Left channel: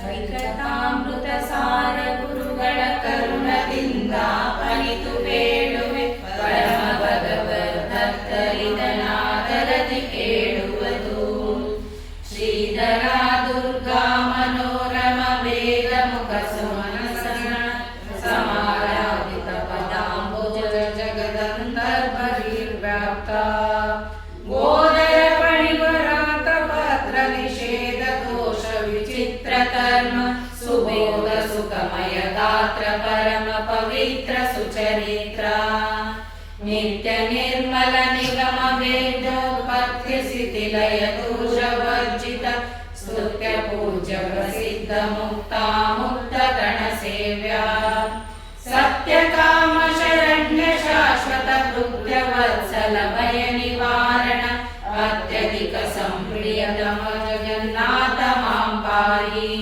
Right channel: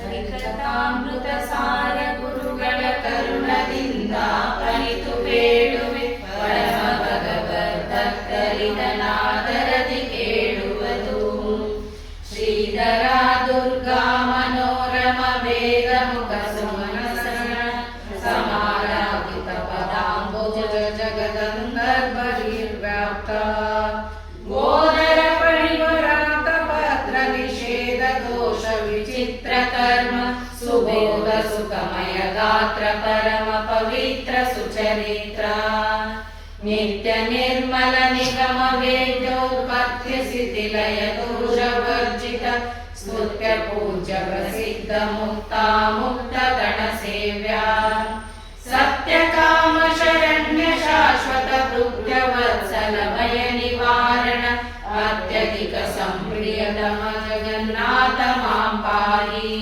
ಹರಿಕಥಾಮೃತ ಸಾರ ಗುರುಗಳ ಕರುಣದಿಂದ ಪಣಿತು ಬೇಡುವೆ ಪರಮ ಭಗವದ್ದತ್ತರಿದನಾದರದಿ ಕೇಳುವುದು. ಶ್ರೀಧರ ದುರ್ಗಾ ಮನೋರಮ ವೇದ ಮುಖ ಸುಮನಸನ ಸಮಾರಾಧಿತ ಪದಾಂಬುಜ ಜಗದಂತರ್ಬಹಿರ್ವ್ಯಾಪ್ತ ಗೋದರ ಪಣಿವರಾತ ಭದ್ರ ನಿಷೇಧ ದೋಷ ವಿಚಿತ್ರ ಕರ್ಮ ಸುಬೋಧ ಸುಖಮಯ ಗಾತ್ರ ಪರಮ ಪವಿತ್ರ ಸುಚರಿತ್ರ ನಿತ್ಯ ನಿರ್ಮಲ ನಿಗಮ ವೇದೋಪತ್ಯ ಸ್ಥಿತಿಲಯ ದೋಷ ವರ್ಜಿತ ಸ್ತುತ್ಯ ಪೂಜ್ಯ ಪ್ರಸಿದ್ಧ ಮುಕ್ತ ಮುಕ್ತ ಗಣ ಸೇವ್ಯಾ ಸತ್ಯ ಕಾಮ ಶರಣ್ಯ ಶಾಶ್ವತ ಭೃತ್ಯ ವತ್ಸಲ ಭಯ ನಿವಾರಣ ಅತ್ಯಧಿಕ ಸಂಪ್ರಿಯತಮ ಜಗನ್ನಾಥ ಮಾಂ ಪಾಹಿ.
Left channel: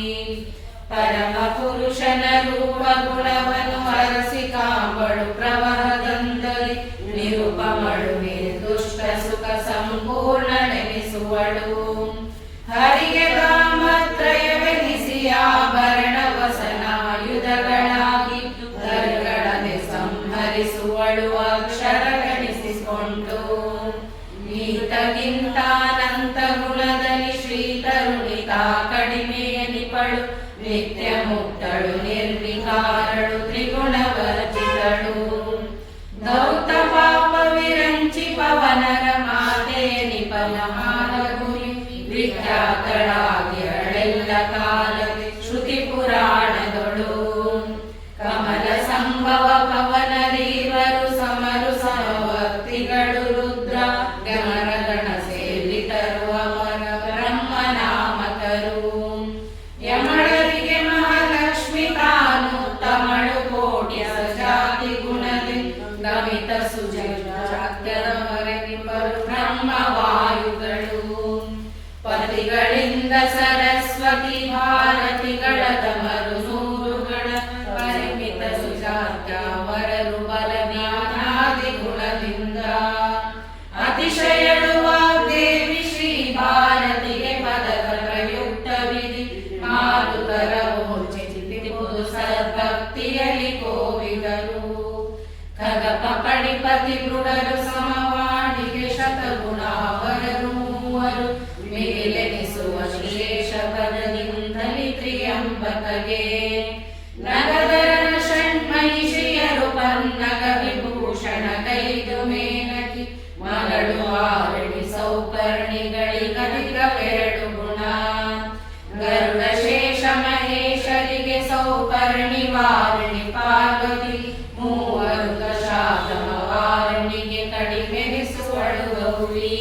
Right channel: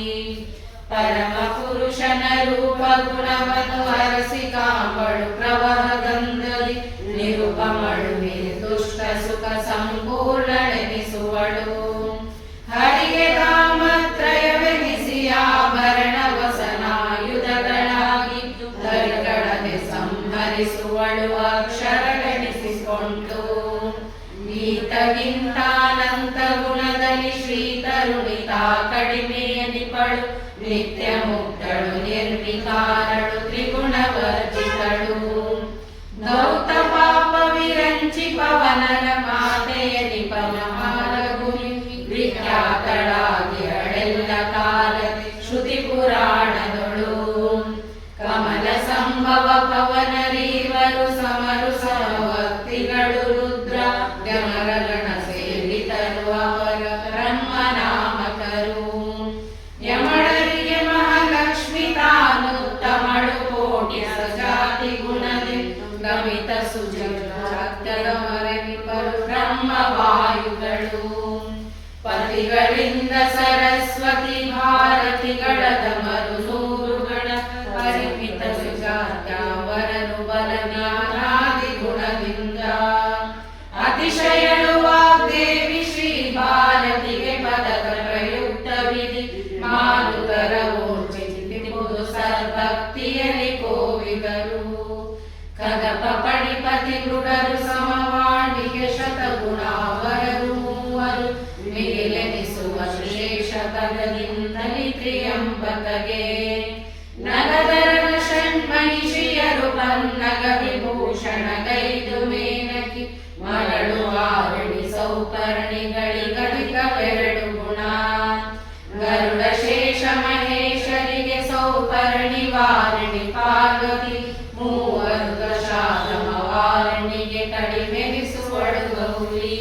ಪರಮ ಪುರುಷನ ರೂಪ ಗುಣವನ್ನು ಹರಸಿ ಕಾಂಬಳು ಪ್ರವಹದಂದಲಿ ನಿರುಪಮಳು ನಿರ್ದುಷ್ಟ ಸುಖ ಸಂಪೂರ್ಣನೆನಿಸುವಳು. ಹರಿಗೆ ಕಾಮತ್ರಯವೆನಿಸಿ ಆಭರಣ ವಸನಾಯುಧಗಳಾಗಿ ಧರಿಗಳನೆ ಸಂಹರಿಸುವಳು ಅಕ್ಷರಗಣಿಸಿಕೊಂಡು. ಈತಗಿಂತಾನಂತ ಗುಣದಲ್ಲಿ ಶ್ರೀತರುಣಿತ ಕಡಿಮೆಯನಿಪಳು ನಿತ್ಯ ಮುಕ್ತಳು ನಿರ್ವಿಕಾರಳು ತ್ರಿಗುಣವರ್ಜಿತಳು. ದೌತ ಪಾಪ ವಿರಂಚಿ ಪವನರ ಮಾತೆಯನಿಪಲ ಮಾಲಗುರಿ ವಿಖ್ಯಾತಳಾಗಿ ಅಳೆಲ್ಲ ಕಾಲ ಶ್ರುತಿ ಪುರಾಣದೊಳು. ಕಮಲ ಸಂಭವ ಪವನರೀವರು ಸಮರು ಸಮವರ್ತಿಗಳು ರುದ್ರ ಗಮರಗಣ ಸೇವಿತರು ಅವರ ಬ್ರಹ್ಮನಾಮಕರು. ಯಮಳರಿಗೆ ಮಹಾಲಕ್ಷ್ಮಿ ತಾನು ತಮಳು ಕೋಟಿ ಸಜಾತಿ ಗುಣದಿ ಗಮಿತ ಸುಜಾತ್ಯರವರೆನಿಬ್ಬರು ಬ್ರಹ್ಮವಾಯುಗಳು. ಪತಿಗಳಿಂದ ಸರಸ್ವತಿ ಭಾರತಿಗಳ ತಮರು ನೂರುಗಳ ಪರಿಮಿತ ಸುಜಾತ್ಯವರರು ಬಲವ್ಯಾನಾದಿ ಗುಣದಿಂದ ಅತಿಶಯಳುವ ದೇವಿ ಶ್ರೀ ಭಾರತಿಗೆ ಪದಕ ಪ್ರಯುಕ್ತವಿಧಿ ಮಾರುತರ ಓರ್ಜಿತಿಪುದು ಸದ್ಭಕ್ತಿಯಲ್ಲಿ ಕೋವಿದರು. ಕದಪ ಪಣಿಪತಿ ಮೃಡರು ಸಮವಾಣಿಗೆ ಶತಗುಣಾವರರು ಮೂವರು ಮಿಗಿಲೆನಿಸುವ ಶ್ರೇಷ ಪದದಿಂದಲಿ ತ್ರಿಯಂಬಕಗೆ. ನಗದರನ ಷಣ್ಮಹಿಷಿಯರು ಪನ್ನಗ ವಿಭೂಷಣ ಕೈದು ಮೇನಕಿ ಮರಳು ಆರಣಿ ಸೌಪರ್ಣಿಗಳಿಗದಿಗವೆರಡು ಗುಣ. ಗರುಡ ಶೇಷ ಮಹೇಶರಿಗೆ ಸೌಪರ್ಣಿ ವಾರಣಿ ಪಾರ್ವತಿ ಮೂವರು ದಶಾಶ್ರಮ ವಾರಣಿಗೆ ಕಡಿಮೆನಿಸುವಳು ಗೌರಿ.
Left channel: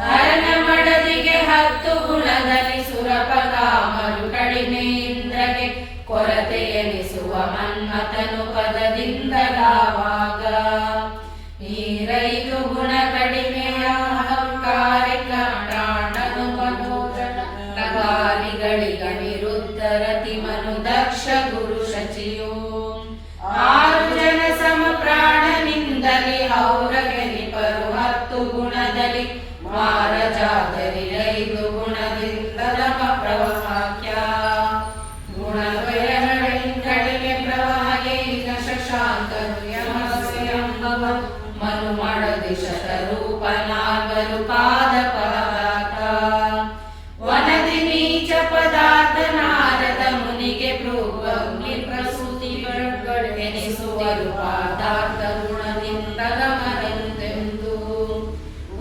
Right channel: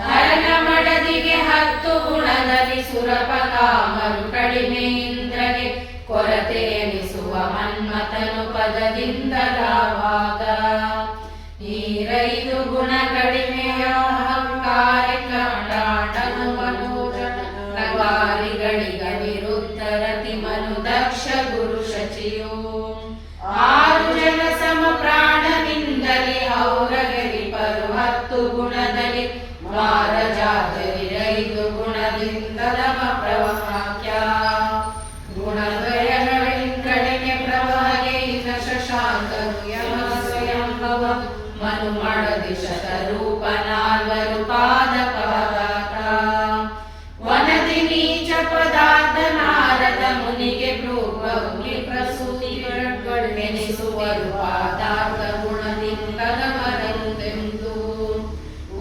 ಹರನ ಮಡದಿಗೆ 10 ಗುಣದಲ್ಲಿ ಸುರಪಕಾಮರು ಕಡಿಮೆ ಇಂದ್ರಗೆ ಕೊರತೆ ಎನಿಸುವ ಮನ್ಮಥನು ಪದದಿಂದ ಗಾವಾಗ. ಈ 5 ಗುಣ ಕಡಿಮೆಯ ಅಹಂಕಾರಿಕಟಾಂಡನು ಮನೋಜನ ನಗಾರಿಗಳಿಗ ವಿರುದ್ಧ ರತಿ ಮನು ದಕ್ಷ ಗುರು ಶಚಿಯು. 6 ಜನ ಸಮ ಪ್ರಾಣನಿಂದಲಿ ಹೌರಗನಿಪರು 10 ಗುಣದಲ್ಲಿ ಮಾರಜಾತರಿ 5 ಗುಣದಿಂದ ನಮ ಪ್ರವಾಕ್ಯ. ಗುಣದ್ವಯಗಳಿಗೆ ಪ್ರವಾಹೆ ಈಗ ಶಶಾಂಕರು ಯಮ ಸ್ವಯಂಭವ ಮನು ಮಡದಿ ಶತರೂಪ 4 ಪಾದ ಪರವಾತ. ವನದಿ ನೀಚ ಪದಾರ್ಥ ನಾರದ ಮುನಿಗೆ ಭ್ರೂವಗ್ನಿ ಪ್ರಸೂತಿಗಳೆನಿಸುವರು ಪಾದಾರ್ಥ ಗುಣದಿಂದ ಗಮನೆಂದೆಂದು.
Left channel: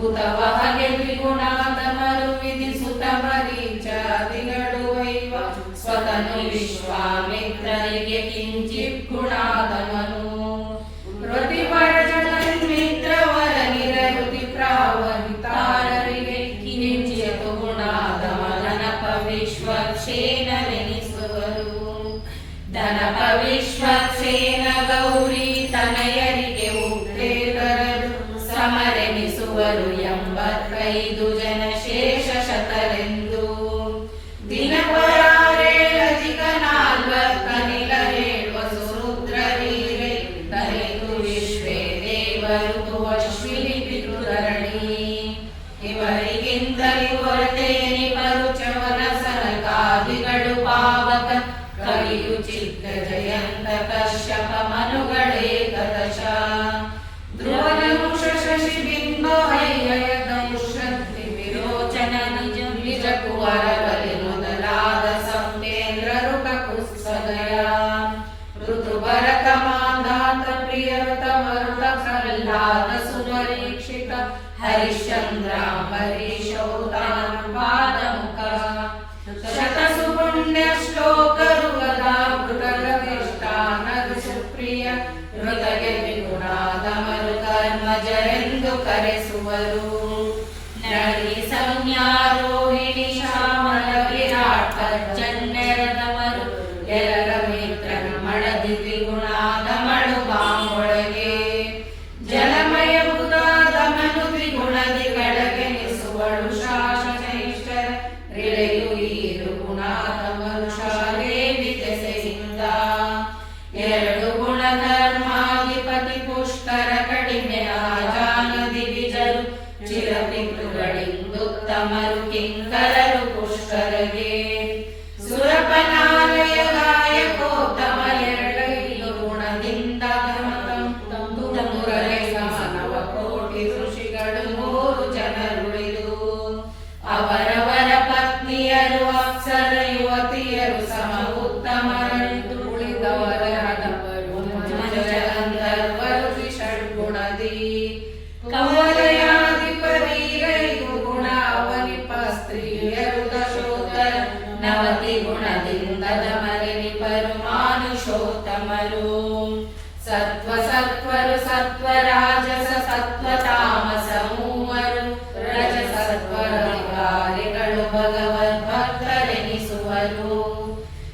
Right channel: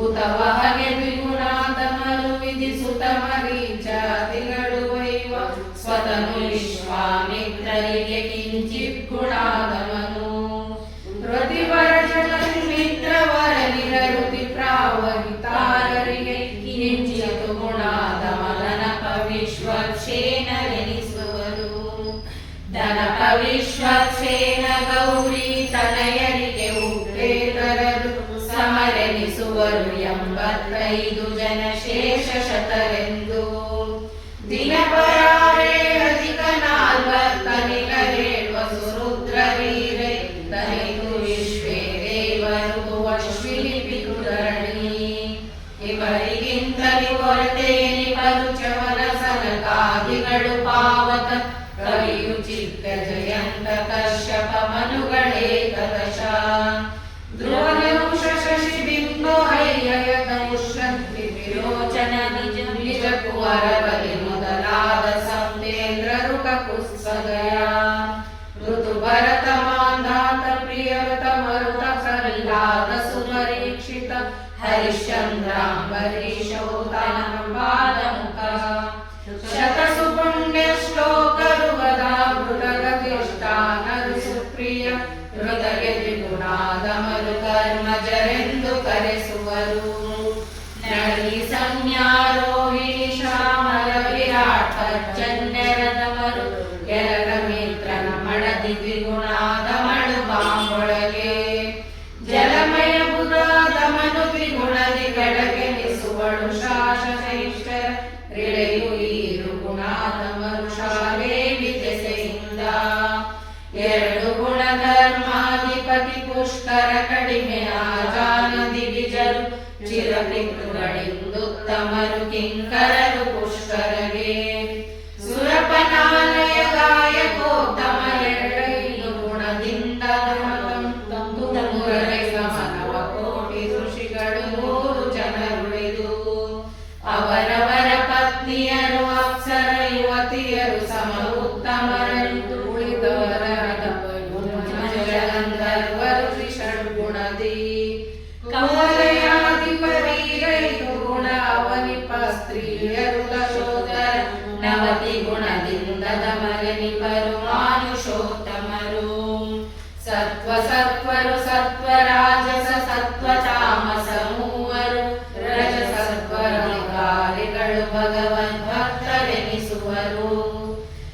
ಉತವಹಗೆ ದ್ವಿಗುಣಾತಮರು ವಿಧಿಸುತ್ತ ಮರೀಚಾದಿಗಳು ವೈವ ಸ್ವತನು ವಿಶ್ವಾಮಿತ್ರರಿಗೆ ಕಿಂಚಿತ್ ಗುಣಾದಮನು. ಪ್ರತಿವರ ಮಿತ್ರವರ ನಿರಯುತಿ ಪ್ರಾವಹಿತಾರರಿಗೆ ಕಿಂಚಿತ್ ಗುಣಾದಮನನಪ ವಿಶ್ವಕ್ಷೇನವೆನಿಸುವರು. ದನಪ ವಿಶ್ವಕ್ಷೇನ ಗೌರಿ ತನಯರಿಗೆ ಉಪೇತರರು ಸಮರೆನಿಸುವರು 85 ಜನ ಶೇಷ ಶತರೆಂದು. ದಿನಪರಾರೆ ಅಧಿಕ 40 ಸುರುದ್ರ ವೀರೈ ದರಿದು ವಿಶ್ವೇ ದೇವರು ಅಶ್ವಿನಿ ಪಿತೃಧರಣಿ. ಇವರಿಗಿಂತಲೂ ಹೊರತೆಯಲ್ಲಿ ಪರುಚವರ ಸನಕಾದಿಗಳು ಪಾವ ಕಶ್ಯಪ ಮನುಗಳೇಕದಶ ಧ್ರುವನಂಶ ಶಶಿಬಿಂಬ ಹೈಯಯತೌಷಂತಿ ವಿರೋಚನ ನಿಜ ಕುವರ ಬಲಿ ಮೊದಲಾದ ಸಂತೇಂದ್ರರು ಕಕುತ್ಸದಯ ಋತು ಭರತ ಮಾಂಧಾತ ಪ್ರಿಯರುತ ಮರುತ ಪ್ರಹ್ಲಾದ ಸುಮರೀಕ್ಷಿತ ಹರಿಶ್ಚಂದ್ರಾಂಬರೀಶೌತಾನಪಾದಮುಖ ಶತಸು ಪುಣ್ಯ ಶ್ಲೋಕರು ಗದಾಮೃತಲವಿಷ್ಟಾನರು ಸುಪ್ರಿಯ ಹೃದಯ ವಿಗುಣಾದಮರು ಕರ್ಮಜರೆಂದು ಕರೆಸುವರು ನಳಿ ಸಂಜ್ಞಾರೋಹಿಣಿ ಶ್ಯಾಮಲ ವಿರಾಟ್ ಪರ್ಜನ್ಯರದಮರು ಎರಡ ಮಿತ್ರನ ಮಡದಿ ದ್ವಿಗುಣಾದಮಳು ಬಾಂಬೊಳಗೆ ಜಲಮಯ ಬುಧಾದಮನು ದ್ವಿಗುಣದಿ ಕಡಗೆನಿಸುವಳು ಶಾಸನೈಷ್ಟರ ರಿಳೆಯು ಈರು ಗುಣಾದಮರು ಶಾಲೆ ವಿದ್ಯೆಯಿಂದ ಎರಡು ಗುಣಧರ್ಮಾಧಿಪತಿ ಪುಷ್ಕರ ಕಡಿಮೆ ಆಜಾನದಿ ವಿಜರು ಚಿರಪಿತೃಗಳಿಂದುತ್ತಮರು ಕಿಂಕರರು ಪುಷ್ಕರಗೆ ಸುರಪನಾಲಯ ಗಾಯಕೋತ್ತಮ ಎರಡೈದು ಗುಣದಿಂದ ಮುರಳಿ ಸಮನವ ಕೋಟಿ ಋಷಿಗಳು 100 ಜನರುಳಿದು ಅವರವರ ಪತ್ನಿಯರು ಅಪ್ಸರ ಯುವತಿಯರು ಸಮ ಉತ್ತಮರಂದು ಉಳಿದವರ ಗಂಧರ್ವರು ಷಡ್ಗುಣದಿ ಕವಲಯಾಧಿಪರೀರೈದು ಗುಣ ಅವನಿಪ ಸ್ತ್ರೀಯರು ದಶೋತ್ತರ 90 ಗುಣದಿಂದ ದಮರನಿಪರು ಮಾನುಷೋತ್ತಮರು ಸತ್ವ ಸತ್ವರು ಸತ್ವ ರಾಜಸ ಸತ್ವ ತಾಮಸ ಮೂವರು ರಜಸತ್ವರಿಗಳು ಭಗವದ್ಭಕ್ತರೆನಿಸುವರು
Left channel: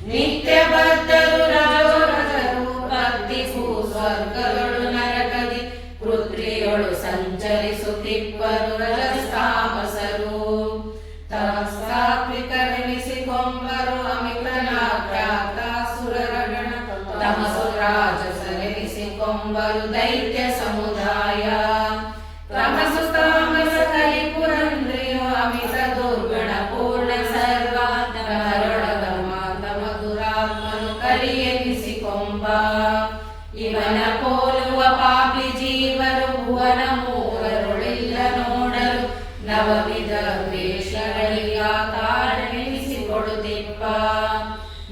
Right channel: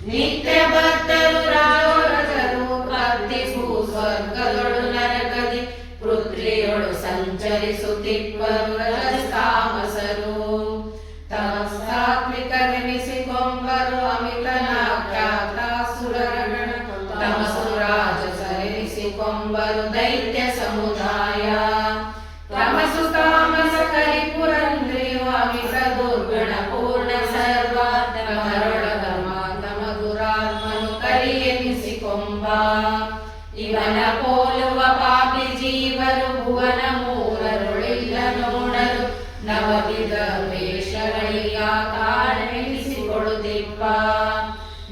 ನಿತ್ಯ ಬದ್ಧರು ರಾಜರು ಭಕ್ತಿ ಸ್ವರ್ಗಗಳು ನರಕದಿ ಪೃಥ್ವಿಯೊಳು ಸಂಚರಿಸುತ್ತಿಪ್ಪರು ರಜಸ್ತಾಮಸರು ಸಾತ್ವಿಕರೆನಿಸಿಕೊಂಬರು ಅಮಿತನಾಖ್ಯಾತಾಸುರಗಣ ತಮಸು ರಾಜಸರೆನಿಸಿಕೊಂಬರು ದೈತ್ಯ ಸಮುದಾಯ ತಮಸು ತಾಮಸ ಕಲಿಪುರಂದ್ರಿಯು ಅಮಿತ ದುರ್ಗಣ ಪೂರ್ಣ ಸರ್ವಾತ್ಮರೊಳಗಮಾತ್ಮಗುರಾತ್ಮನು ಕಲಿಯೆನಿಸಿಕೊಂಬ ಇವನ ಪೋಲುವ ಪಾಪಿ ಜೀವರು ಭುವನ ಮೂವರುಳಿಲ್ಲ ನೋಡರು ನವವಿಧ ವೇಷಗಳಿಗ ಕಾರಣೆನಿಸಿಕೊಳ್ಳುತ್ತಿಪ್ಪ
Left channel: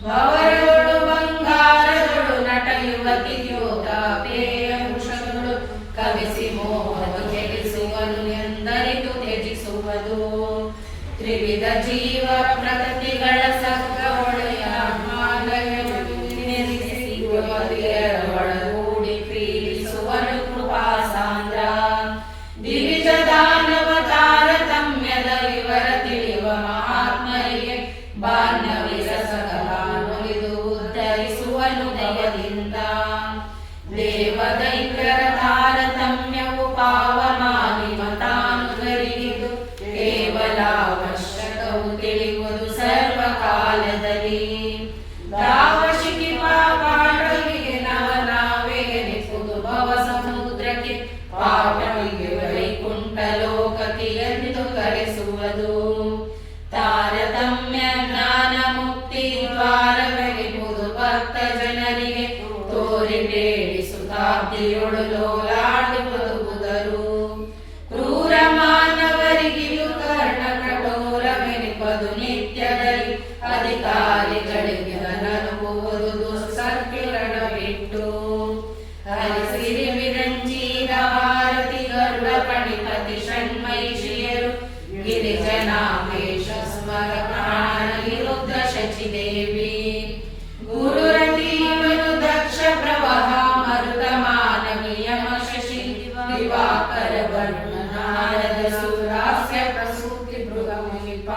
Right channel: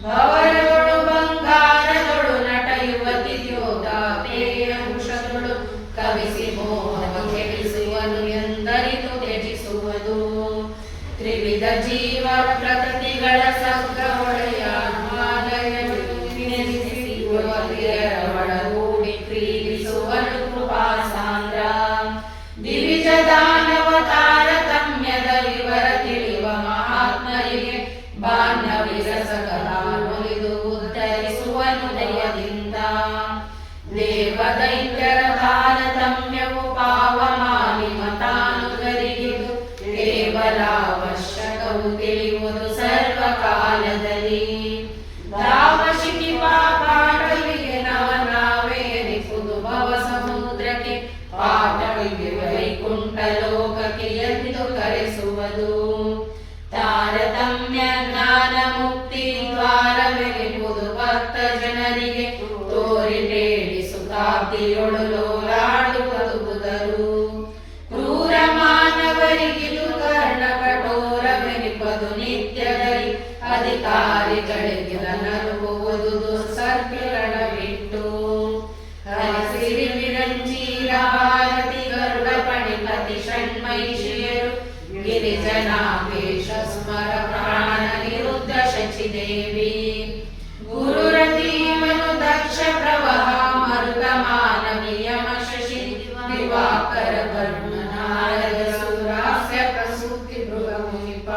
ಭವರೊಳು ಬಂಗಾರದೊಳು ನಟ ಯುವತಿ ಯೋಧಾಪೇಯ ವೃಷಗಳು ಕವಿಸಿ ಮೋಹದ ಕೆಡಿಸುವನು ಎಂದರಿತು ತ್ಯಜಿಸುವುದು ತ್ರಿವಿಧ ಜೀವ ಪ್ರಕೃತಿಗಳ ಸಕ್ರೊಳೆಯ ಒಳಗೂಡಿ ಪ್ರೀತಿಸುವನು ಕೃಪಾ ಸಾಂದ್ರ ದಿವಿಜ ದಾನವ ತಾರತಮ್ಯದ ವಿವರ ತಿಳಿಯುವ ಮಹಾತ್ಮರಿಗೆ ಬಾಂಧವಿರಸಗಲಾನುಲಿದು ಉದ್ಧರಿಸುವನು ದಯದಿಂದ ದೇವ ದೈತ್ಯರ ತಾರತಮ್ಯವು ಪಾವಮಾನಿ ಮತಾನುಗರಿಗಿದು ಕೇವಲ ಅವಶ್ಯಕವು ತಿಳಿಯುವುದು ಸರ್ವಕಾಲದಲ್ಲಿ ದಾವಶಿಖಿ ಪಾಪಾಟಲಿಗೆ ನಾವೇನಿಪುದು ಭವ ಸಮುದ್ರಕ್ಕೆ ಪಾಟಲಿಗೆ ವೈಕುಂಠ ಲೋಕಕ್ಕೆ ಎಂದು ಕರೆಸುವುದು ತಾರತಮ್ಯ ಜ್ಞಾನ ಮುಕ್ತಿ ದ್ವಾರವೆನಿಪುದು ಭಕ್ತ ಜನರಿಗೆ ತೋರಿ ಬೇಡಿಸುತ್ತಾಬ್ದಿಯೊಳು ಲೋಲಾಡಿ ಬದುಕುದರು ಕ್ರೂರ ಮಾನವರಿಗಿಲು ಕರ್ಣ ಕಠೋರವೆನಿಪದು ನಿತ್ಯದಲ್ಲಿ ಅಧಿಕಾರಿಗಳಿಗೆ ನನುವುದು ದುಸ್ಸರ್ಪಿರಣ ಬಿಟ್ಟು ಹರಿಸಿರಿ ವಿರಂಜೀರ ಭಾರತಿ ಗರುಡ ಪಣಿಪತಿ ಷಣ್ಮೈಷಿಯರು ಗಿರಿಜನಾವೇಶ ಸ್ಮರ ಪ್ರಾಣ ವಿರುದ್ಧ ಶಚಿದೇವಿ ಗುರುರತೀವರು ದಕ್ಷ ಪ್ರವಹ ಮರುತ ಮಾನವೀಯಮ ಶಶಿ ದಿವಾಕರ ವರ್ಣನಾರದ ಸುರಾಸ್ಯ ಪ್ರಸೂತಿ ಮೃಗಮುನಿಪ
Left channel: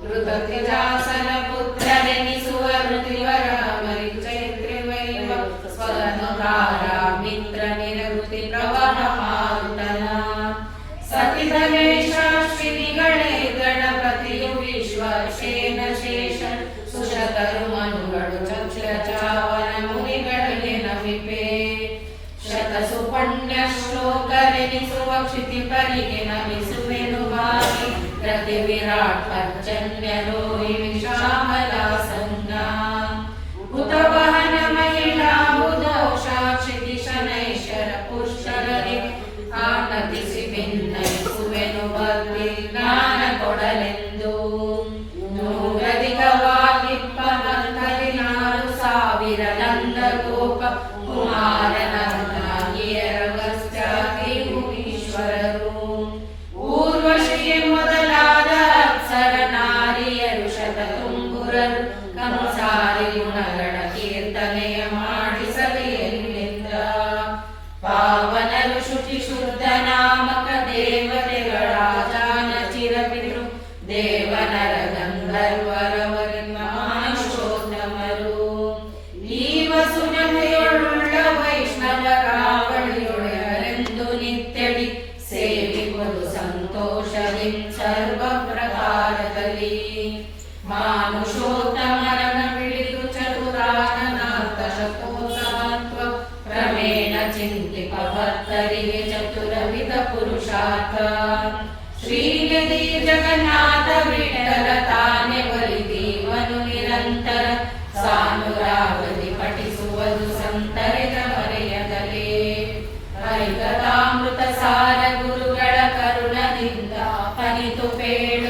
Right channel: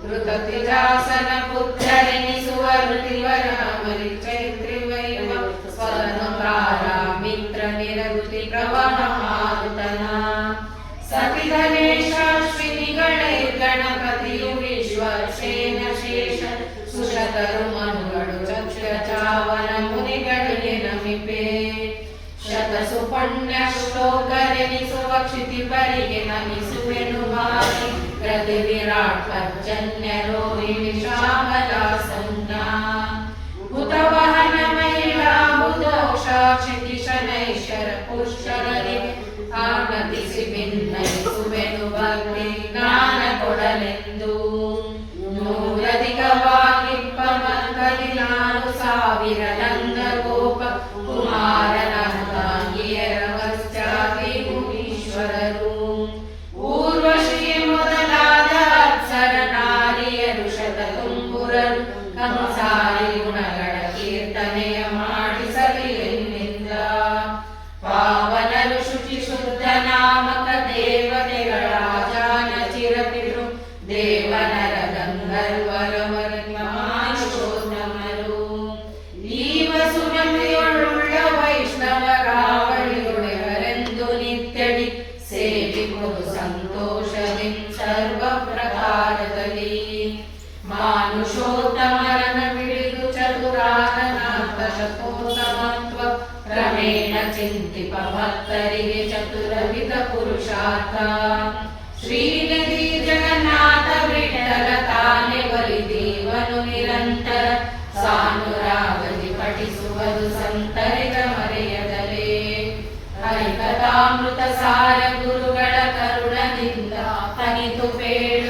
ಮೃತತಿಜಾಸನ ಪುತ್ರರೆನಿಸುವ ಋತಿವರ ಮರಿಚೈತ್ರಿವೈವ ಸ್ವಗನುತಾರ ಮಿತ್ರ ನಿರಗುತಿ ಪ್ರವಹ ಮಾರುತನ ಸತಿಧನೇಶಾಶ್ವಿನಿಗಳೇ ಗಣಪತಿಯು ವಿಶ್ವಶೇನ ಶೇಷ ಸುಶತರು ಮನುಗಳು ಚಕ್ಷಚಾವನ ಮುನಿಗಳಿಗೆ ನಮಿಪೆ ಶತಸು ಪುಣ್ಯ ಶ್ಲೋಕರೆನಿಸುವ ಕ್ಷಿತಿಪರಿಗೆ ನಮಿಸುವೆನು ಭಾರಿ ಪ್ರತಿ ವಿರಾಟ್ ಪರ್ಜನ್ಯ ರೋಹಿಣಿ ಶ್ಯಾಮಲಾ ಸಂಜ್ಞಾ ಹುತವಹನ ಮಹಿಳ ಗೋಪ ಕುಮಾರನ ತಾಯಿಯರ ಪಶ್ಚಾತಿ ಮುನೀಶ್ವರರು ಊರ್ವಶಿ ಮೊದಲಾದ ಅಪ್ಸರ ನಾರಿಯರು ಶತತುಂಬುರರು ಕಂಸಾರಿ ಗುಣಗಳ ಕೀರ್ತನೆಯ ಮಾಡಿಸಲಿಲ್ಲ. ಪಾವನರು ಶುಚಿ ಶುದ್ಧ ನಾಮಕ ದೇವತೆಗಳ ಜಾನ ಚಿರಪಿತೃ ದೇವನರ ಗಂಧರ್ವರವರಿಮಾನುಷೋತ್ತಮರು ಈ ವಸುನಮೆಯೊಳುಳ್ಳ ವೈಷ್ಣವ ರಾವಳಿಯೊಡೆಯರೆಂದು ನಿತ್ಯಡಿ ಸೇವಿಪುದು ಸಂತೋಷದಿ ಸರ್ವ ಪ್ರಕಾರದಲ್ಲಿ ಮಾನುಷೋತ್ತಮರನ ಹಿಡಿದು ಚತುರಾಗನಾಥ ಶತೋಸಮತ್ವ ಕ್ರಮೇಣ ಚಿಂತಿಪ ಭಕ್ತರಿಗೆ ಚತುರವಿಧ ಪುರುಷಾರ್ಥ ಶ್ರೀನಿಧಿ ಜಗನ್ನಾಥ ವಿಠಲ ತಾನೆ ಒಲಿದೀವನು ನಿರಂತರ ಸಾನುರಾಗದಿ ಪಠಿಸುವುದು ಸಂತರಿಗ ಮರೆಯದಲೇ ಐಕತಾಮೃತ ಸಾರ ಗುರುಗಳ ಕರುಣದಿಂದ ಅನಿತು ಬೇಡ